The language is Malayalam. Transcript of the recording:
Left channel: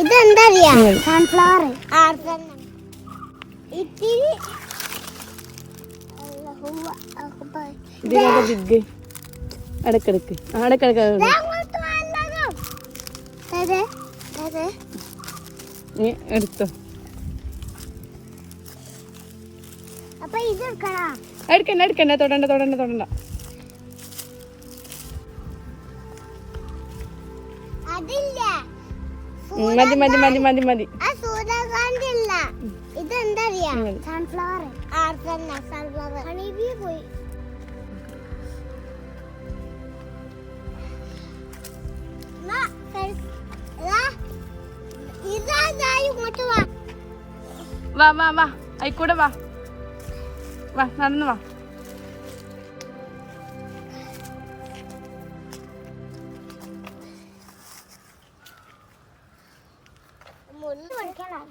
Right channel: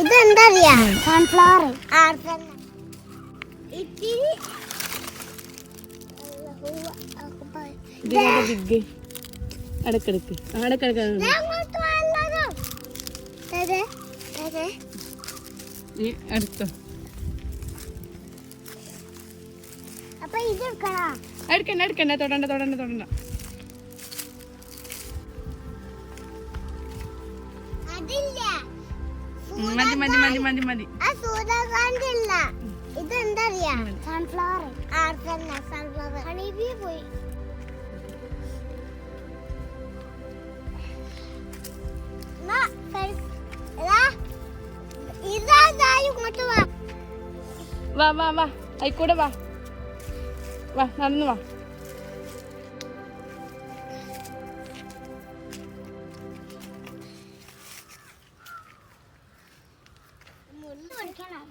ഇതെന്താ അറിയാ സൺഫ്ലവർ ഇത്തിരി ബിഗ് അടക്കെടുക്ക് നീ എടുത്തോ അപ്പൊ ഇത് എടുക്കണ്ട തൊടണ്ട അതില്ല മതി ആ സൂര്യകാന്തി ഇല്ല ഇതെന്താ അറിയാ സൺഫ്ലവർ സൺഫ്ലവർ ഹണിബി പോയി വാ ആയിക്കൂടെ വാ നടന്നു വാ മുള്ളു കൊടുക്കണം